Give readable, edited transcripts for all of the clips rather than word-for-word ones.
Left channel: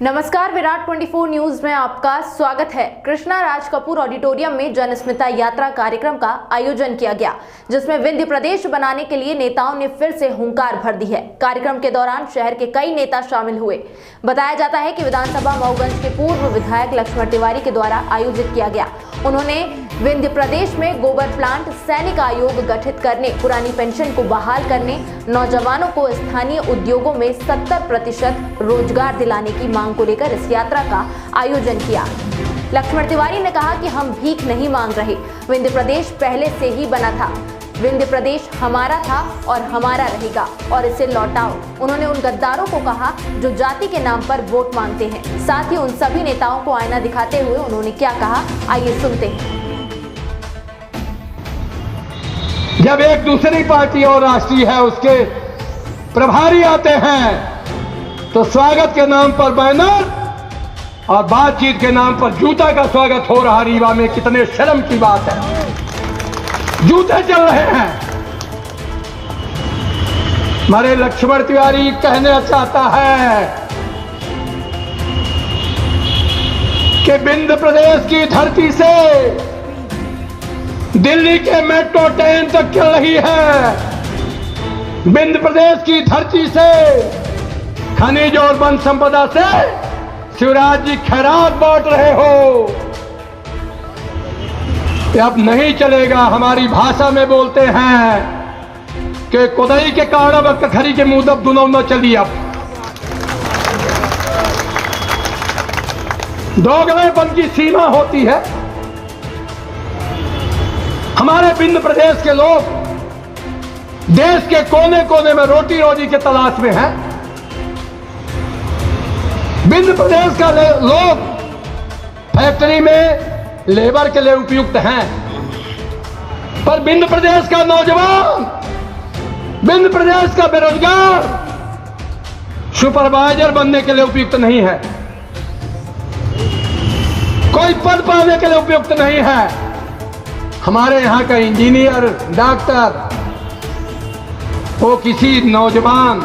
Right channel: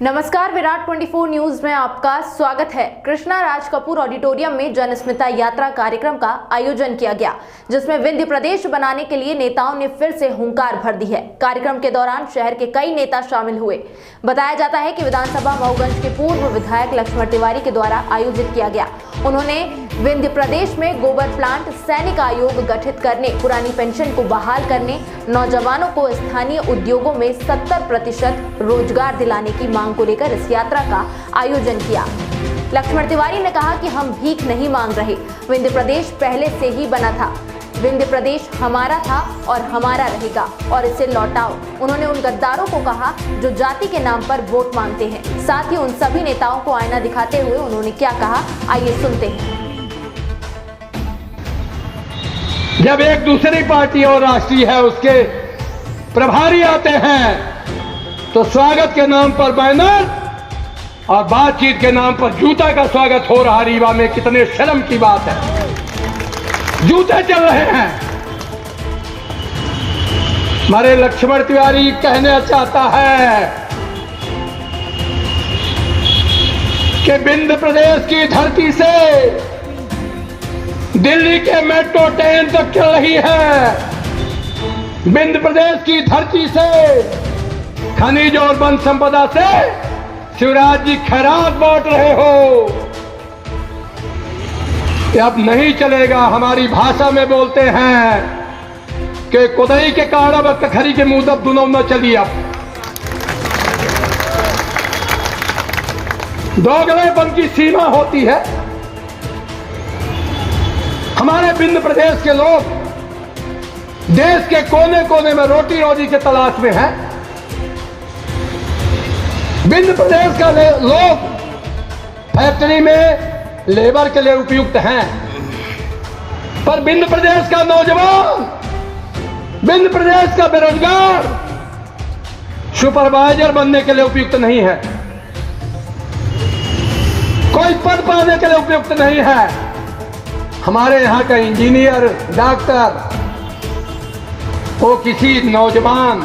नमस्कार, विराट 24 न्यूज में आपका स्वागत है। कृष्णा राज कपूर ऑडिटोरियम में जनस्मिता यात्रा कार्यक्रम का आयोजन किया गया, जिसमें विंध्य प्रदेश बनाने के लिए नेताओं ने फिर से हुंकार भर दी है। कार्यक्रम के दौरान शहर के कई नेता शामिल हुए। बताया जाता है कि विधानसभा मऊगंज के पूर्व विधायक लक्ष्मण तिवारी के द्वारा आयोजित किया गया। उन्होंने विंध्य प्रदेश में गोबर प्लांट, सैनिक आयोग गठित करने, पुरानी पेंशन को बहाल करने, नौजवानों को स्थानीय उद्योगों में 70% रोजगार दिलाने की मांग को लेकर इस यात्रा का आयोजन किया। लक्ष्मण तिवारी ने कहा कि हम भीख नहीं मांग रहे, विंध्य प्रदेश पहले से ही बना था, विंध्य प्रदेश हमारा था और हमारा रहेगा और इसे लौटाओ। उन्होंने उन गद्दारों को कहा जो जाति के नाम पर वोट मांगते हैं। साथ ही उन सभी नेताओं को आईना दिखाते हुए उन्होंने क्या कहा, आइए सुनते हैं। जब एक दूसरी पार्टी और राष्ट्रीय है उसके प्रभारी आते हैं तो स्वागत के नाम पर बैनर और बातचीत के नाम पर जूता का स्वागत हो रहा। रीवा में कितने शर्म की बात है, जूते चल रहे हैं। हमारे लक्ष्मण तिवारी कहना चाहता है कि विंध्य प्रदेश की धरती से दिल्ली के मेट्रो ट्रेन तक चल रही है। विंध्य प्रदेश की धरती से खनिज और वन संपदा से शिवराज जी खैरात बांट रहे हो। अब नहीं चलेगा। हमारी भाषा में बोलते हैं कि कोदई के कारण कखरी के मुंह दब दुनों न चली। अब दोगलेपन की सीमा होती है। हमारे विंध्य प्रदेश के लोग देश के कोने कोने में रोटी रोजी के तलाश में हैं। विंध्य प्रदेश का लोग फैक्ट्री में लेबर के लिए उपयुक्त हैं, पर विंध्य प्रदेश का नौजवान, विंध्य प्रदेश का बेरोजगार सुपरवाइजर बनने के लिए उपयुक्त नहीं है, कोई पद पाने के लिए उपयुक्त नहीं है। हमारे यहाँ का इंजीनियर, डॉक्टर, वो किसी नौजवान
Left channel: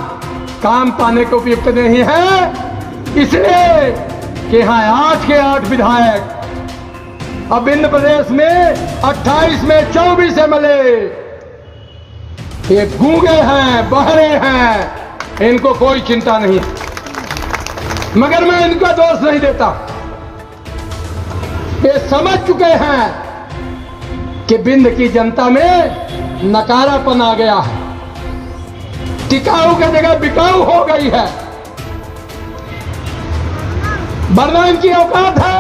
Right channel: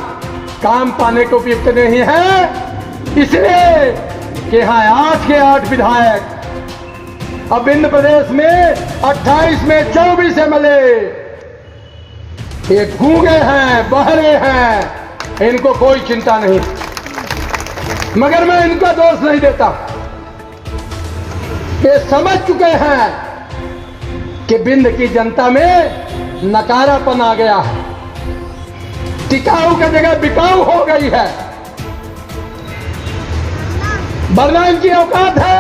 काम पाने को उपयुक्त नहीं है, इसलिए कि यहाँ 8 के 8 विधायक अब विंध्य प्रदेश में 28 में 24 MLA ये गूंगे हैं, बहरे हैं, इनको कोई चिंता नहीं। मगर मैं इनका दोष नहीं देता। ये समझ चुके हैं कि विंध्य की जनता में नकारापन आ गया है, टिकाऊ की जगह बिकाऊ हो गई है। बरमान की औकात है,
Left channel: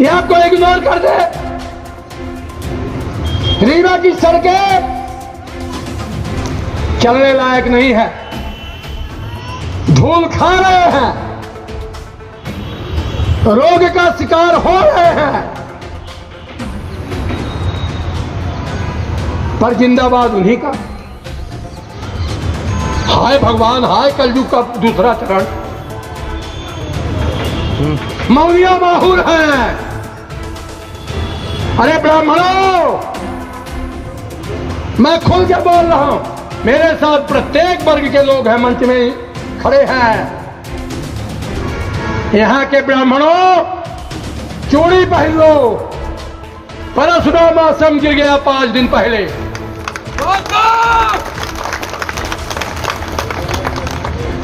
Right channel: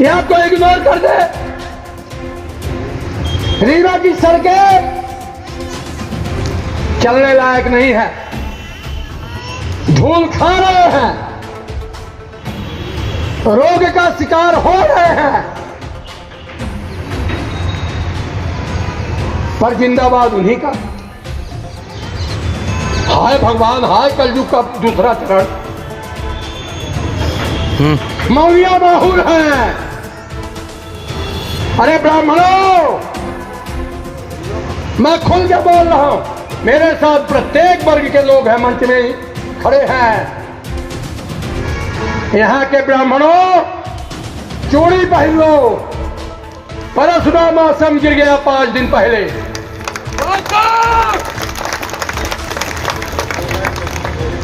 ये आपको इग्नोर कर दे। रीवा की सड़कें चलने लायक नहीं है, धूल खा रहे हैं, रोग का शिकार हो रहे हैं, पर जिंदाबाद उन्हीं का। हाय भगवान, हाय कलयुग का दूसरा चरण। मौलिया माहूर हैं। अरे ब्राह्मणों, मैं खुल के बोल रहा हूं, मेरे साथ प्रत्येक वर्ग के लोग हैं, मंच में खड़े हैं। यहाँ के ब्राह्मणों, चूड़ी पहन लो। परशुराम आश्रम गिर गया 5 दिन पहले।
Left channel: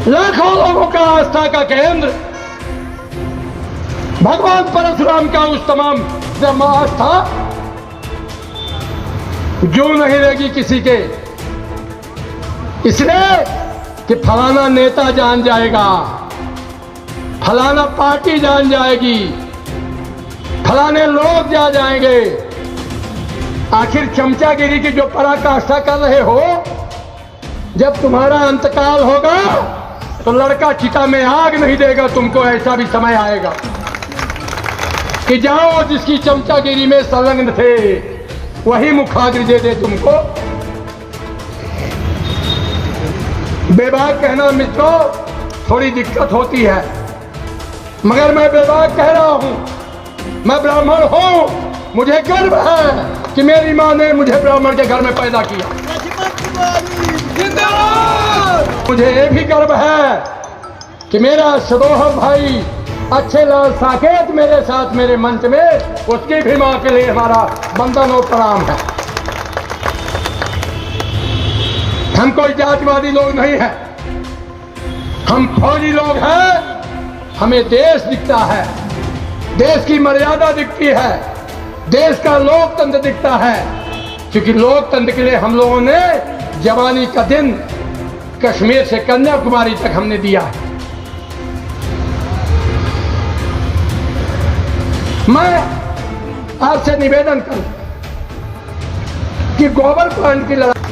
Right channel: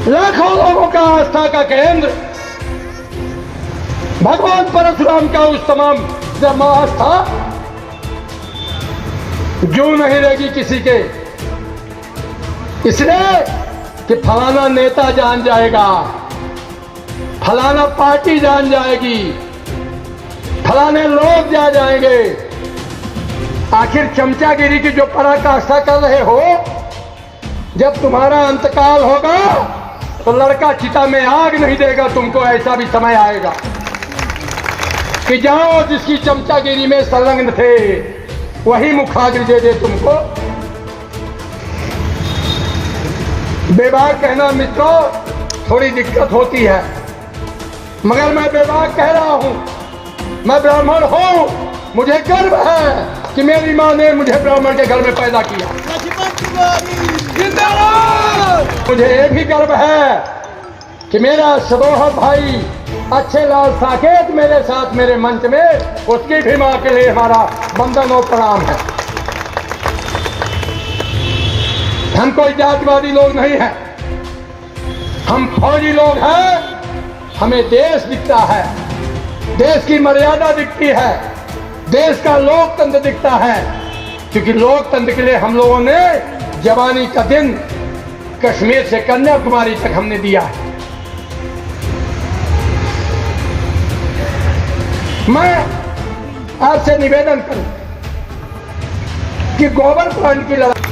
लाखों लोगों का आस्था का केंद्र भगवान परशुराम का उस तमाम जमात था, जो नहीं रहेगी किसी के, इसलिए कि फलाना नेता जान जाएगा, फलाना पार्टी जान जाएगी, फलाने लोग जा जाएंगे। आखिर चमचागिरी की जो पराकाष्ठा कर रहे हो, जब तुम्हारा अंतकाल होगा तो लड़का चिता में आग नहीं देगा तुमको। ऐसा भी समय आएगा कि जाओ, जिसकी चमचागिरी में संलग्न थे वही मुखाग्नि दे दे तुमको। बेबाक कहना मित्रों थोड़ी दिक्कत होती है, मगर मैं बेबाक कह रहा हूं। मैं ब्राह्मण हूं, मुझे गर्व है कि मेरी मां ने मुझे ब्राह्मण के घर में पैदा किया। जिंदाबाद। मुझे ये भी गर्व है कि मेरा सदोह भाई अच्छे लाल साकेत मेरे साथ मेरे मंच में, उसकी भी मां के लिए हमारा वंदन और प्रणाम है। हम कोई जातिवादी लोग नहीं हैं, हम फौजी लोग हैं। हमें देश दिखता है, देश की मर्यादा दिखती है, देश का लोकतंत्र दिखता है, क्योंकि लोकतंत्र के लिए हम लोगों ने जवानी का दिन कश्मीर से कन्याकुमारी तक हमने दिया है। मैं आपसे निवेदन करूं कि गोबर प्लांट की लड़ाई,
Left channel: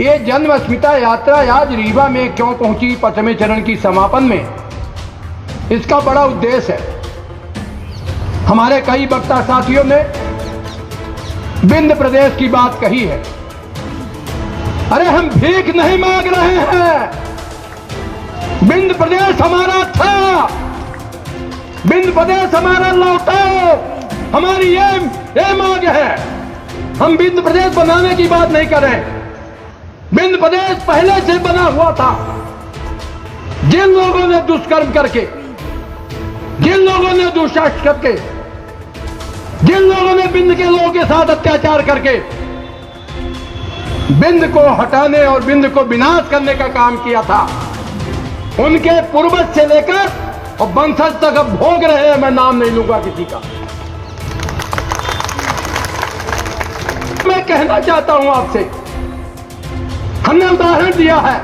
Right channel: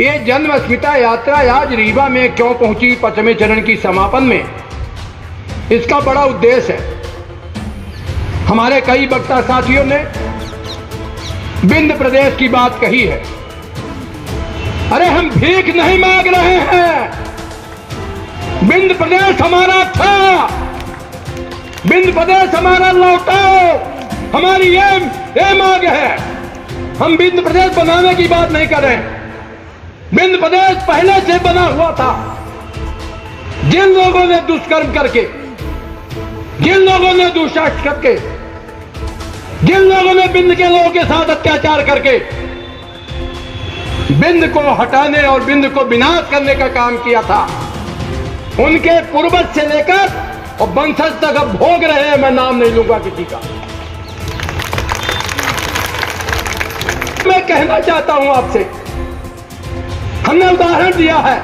ये जन्मस्मिता यात्रा आज रीवा में क्यों पहुंची 5वें चरण की समापन में, इसका बड़ा उद्देश्य है। हमारे कई वक्ता साथियों ने विंध्य प्रदेश की बात कही है। अरे हम भीख नहीं मांग रहे हैं, विंध्य प्रदेश हमारा था, विंध्य प्रदेश हमारा लौटा, हमारी ये मांग है। हम विंध्य प्रदेश बनाने की बात नहीं कर रहे हैं, विंध्य प्रदेश पहले से बना हुआ था। जिन लोगों ने दुष्कर्म करके, जिन लोगों ने दुष्कर्म करके, जिन लोगों ने विंध्य के लोगों के साथ अत्याचार करके विंध्य को हटाने और विंध्य को विनाश करने का काम किया था, उनके पूर्वज से लेकर और वंशज तक अब भोग रहे हैं। मैं नाम नहीं लूंगा किसी का। मैं कहना चाहता हूं आपसे, हमने उदाहरण दिया है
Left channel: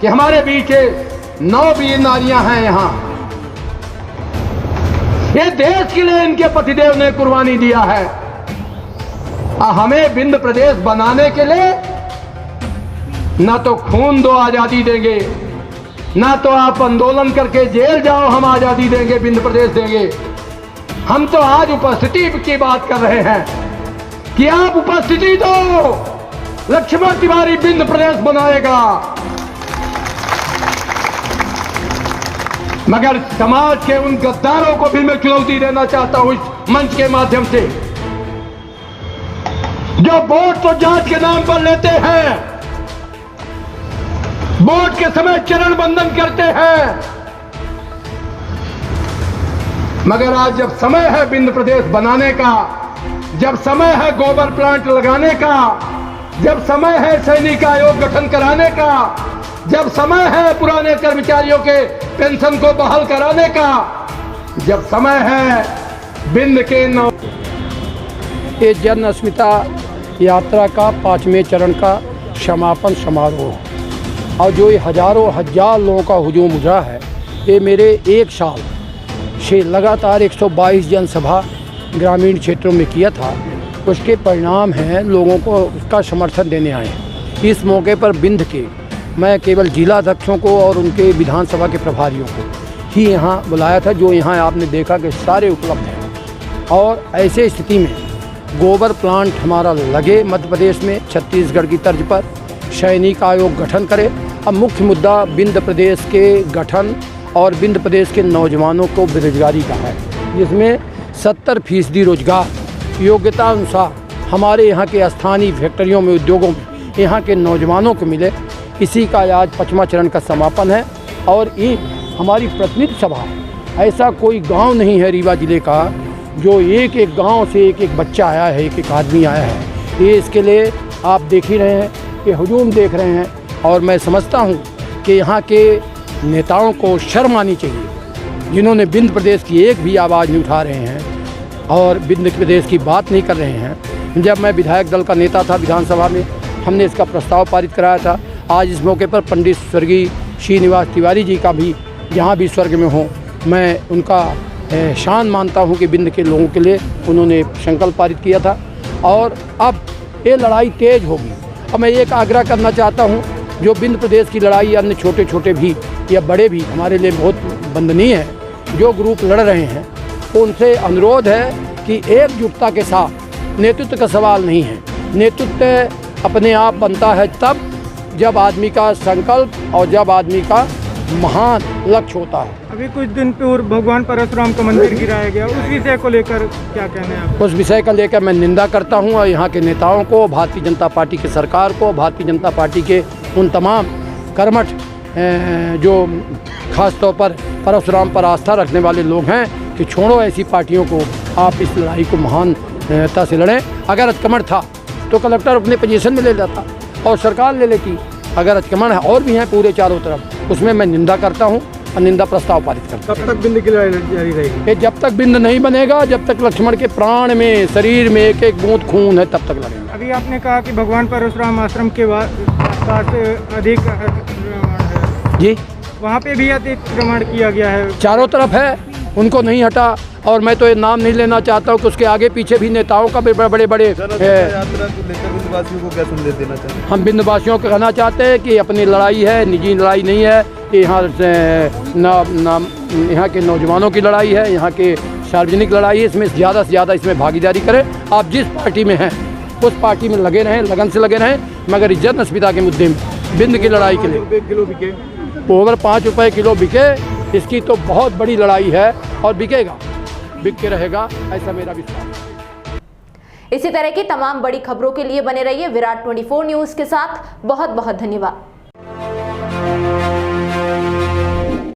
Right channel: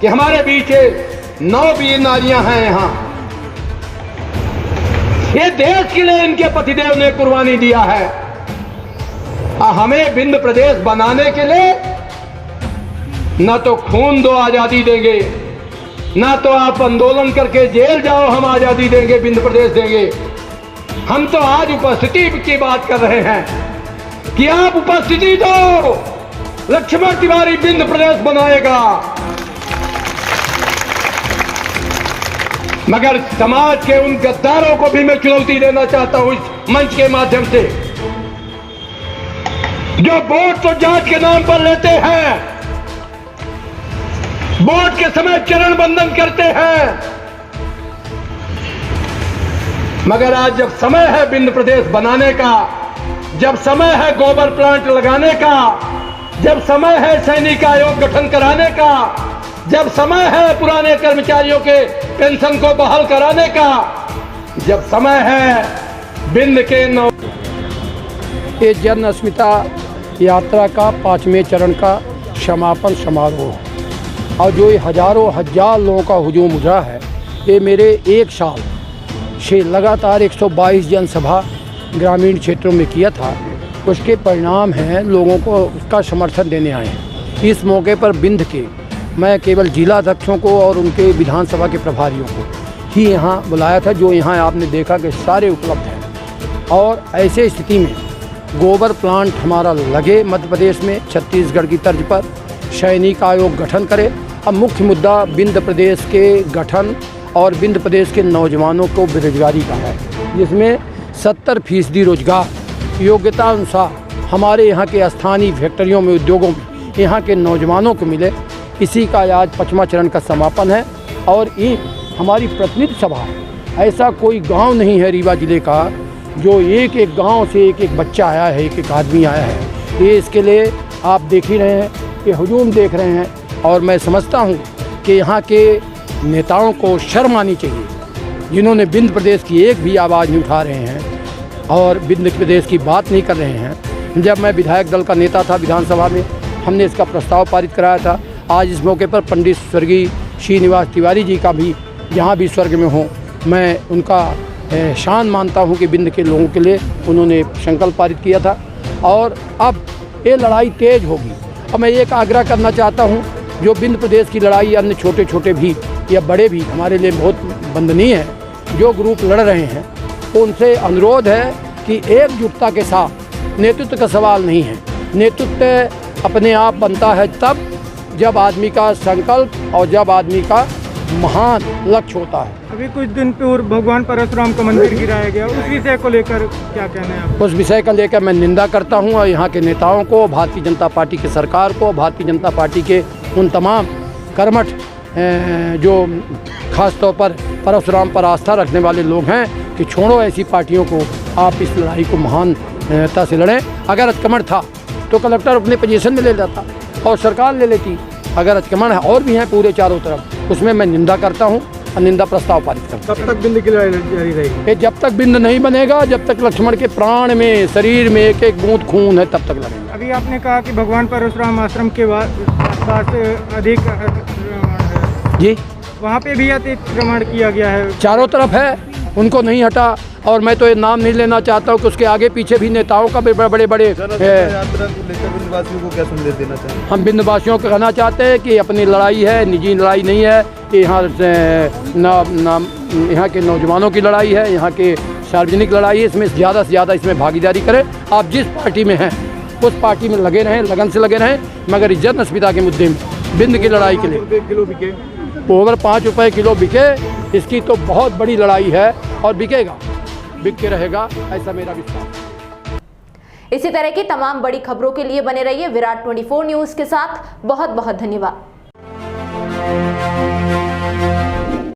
कि हमारे बीच 9 वीर नारियां हैं यहां। ये देश के लिए इनके पतिदेव ने कुर्बानी दिया है। हमें विंध्य प्रदेश बनाने के लिए न तो खून दो आजादी देंगे, ना तो आप आंदोलन करके जेल जाओ हम आजादी देंगे, विंध्य प्रदेश देंगे। हम तो आज उपस्थिति की बात कर रहे हैं कि आप उपस्थिति दो, लक्ष्मण तिवारी विंध्य प्रदेश बनाएगा। मगर समाज के उन गद्दारों को भी मैं चुनौती देना चाहता हूं इस मंच के माध्यम से, जो वोट तो जात के नाम पर लेते हैं, वोट के समय चरण बंधन करते हैं, मगर आज जब समय है विंध्य प्रदेश बनाने का, जब समय है गोबर प्लांट लगाने का, जब समय है सैनिक आयोग गठन कराने का, जब समय है पुराने कर्मचारियों के पेंशन को बहाल कराने का, जब समय है विंध्य के ये जन्मस्मिता यात्रा का 5वें चरण का समापन समारोह, और जो ये हजारों हजार लोगों का हुजूम उमड़ा है, ये मेरे 1 साल से लगातार 122 जनसभा ग्रामीण क्षेत्रों में किया था, उसके परिणाम हैं। लोगों को उसका समर्थन देने आए हैं। इस मौके पर विंध्य के मैं केवल जिला अध्यक्षों को और उनके विधानसभा के प्रभारियों को ही यहाँ बुलाया था, जो यहाँ आपने देखा कि सारे उपलब्ध हैं। और ऐसे स्थिति में गोबर प्लांट हमारा लगे मध्य प्रदेश में, छत्तीसगढ़ की तर्ज पर सैनिक आयोग गठन करे। अब मुख्य मुद्दा विंध्य प्रदेश के गठन और विंध्य प्रदेश के नौजवानों को बेरोजगारी का है, जिसमें 70% रोजगार योग्यता अनुसार हमारे यहाँ के स्थानीय फैक्ट्रियों में, उद्योगों में यहाँ के नौजवानों को मिले। इसी का आज 5वां चरण का समापन है। और ये हमारी प्रतिनिधि सभा, ऐसा कोई गांव नहीं है रीवा जिले का जो एक एक गांव से एक एक बच्चा आया है, एक एक आदमी आया है। ये इसके लिए आप देख ही रहे हैं, ये हुजूम देख रहे हैं। और मैं समझता हूँ कि यहाँ के नेताओं को शर्म आनी चाहिए, जिन्होंने विंध्य प्रदेश की एक भी आवाज़ नहीं उठा रहे हैं और विंध्य प्रदेश की बात नहीं कर रहे हैं। जब मैं विधायक दल का नेता था विधानसभा में, हमने इसका प्रस्ताव पारित कराया था। आज इस मौके पर पंडित स्वर्गीय श्रीनिवास तिवारी जी का भी, जहाँ भी स्वर्ग में हों, मैं उनका शान मानता हूँ कि विंध्य के लोगों के लिए उन्होंने संकल्प पारित किया था। और अब ये लड़ाई तेज होगी। अब मैं एक आग्रह करना चाहता हूँ, जो विंध्य प्रदेश की लड़ाई अन्य छोटे छोटे भी या बड़े भी हमारे लिए बहुत वंदनीय है, जो ग्रुप लड़ रहे हैं, उनसे अनुरोध है कि एकजुटता के साथ, नेतृत्व का सवाल नहीं है, नेतृत्व अपने आप बनता है तब जब आदमी का संकल्प और जब आदमी का महान लक्ष्य होता है। अभी कुछ दिन पूर्व भगवान परशुराम का मंदिर गिराया गया, उस विषय को लेकर क्या कहना है आप? उस विषय का लेकर मैं निंदा करता हूं और यहाँ के नेताओं को, भारतीय जनता पार्टी की सरकार को, भारतीय जनता पार्टी के उन तमाम कर्मठ जो ख़ास तौर पर परशुराम पर आस्था रखने वाले लोग हैं कि छोड़ो ऐसी पार्टियों को, आप इस लड़ाई को महानता से लड़ें। अगर अतिक्रमण था तो कलेक्टर अपने पोजीशन में ले लेता और सरकार ले लेती। अगर अतिक्रमण है और भी हैं पूरे चारों तरफ, उसमें मैं निंदा करता हूँ और निंदा प्रस्ताव पारित करता हूँ। कब तक बिंद की लड़ाई जारी रहेगी? ये जब तक बिंद नहीं बनेगा, जब तक लक्ष्मण के प्राण में, शरीर में एक एक बूंद खून है, तब तक लड़ेंगे। अभी आपने कहा कि भगवान परशुराम आश्रम के पास अधिक जी, वहाँ पे भी अतिक्रमण किया गया है। चारों तरफ है, उनको नहीं हटा। और मैं तो ये नाम नहीं लेना चाहता हूँ कि उसके आगे पीछे भी नेताओं का बड़े बड़े यात्रा को लेकर बिंदवासियों को क्या संदेश देना चाहते हैं? हम बिंदवासियों को कहना चाहते हैं कि अपनी लड़ाई है, निजी लड़ाई नहीं है। यहाँ यहाँ के नौजवानों की लड़ाई है, यहाँ के सार्वजनिक लड़ाई है। इसमें ज़्यादा से ज़्यादा इसमें भागीदारी करें। आप जिस पार्टी में हैं उस पार्टी में लगे रहें, लगन से लगे रहें, मगर इज्जत नस्मिता के मुद्दे में बिंद की लड़ाई के लिए किलो बिके? ओवर 5 रुपये किलो बिके, इसकी तो बहुत बड़ी लड़ाई है और बिकेगा, बिक के रहेगा, ऐसा मेरा विश्वास। इसी तरह की तमाम बड़ी खबरों के लिए बने रहिए विराट 24 न्यूज़ के साथ। बहुत बहुत धन्यवाद।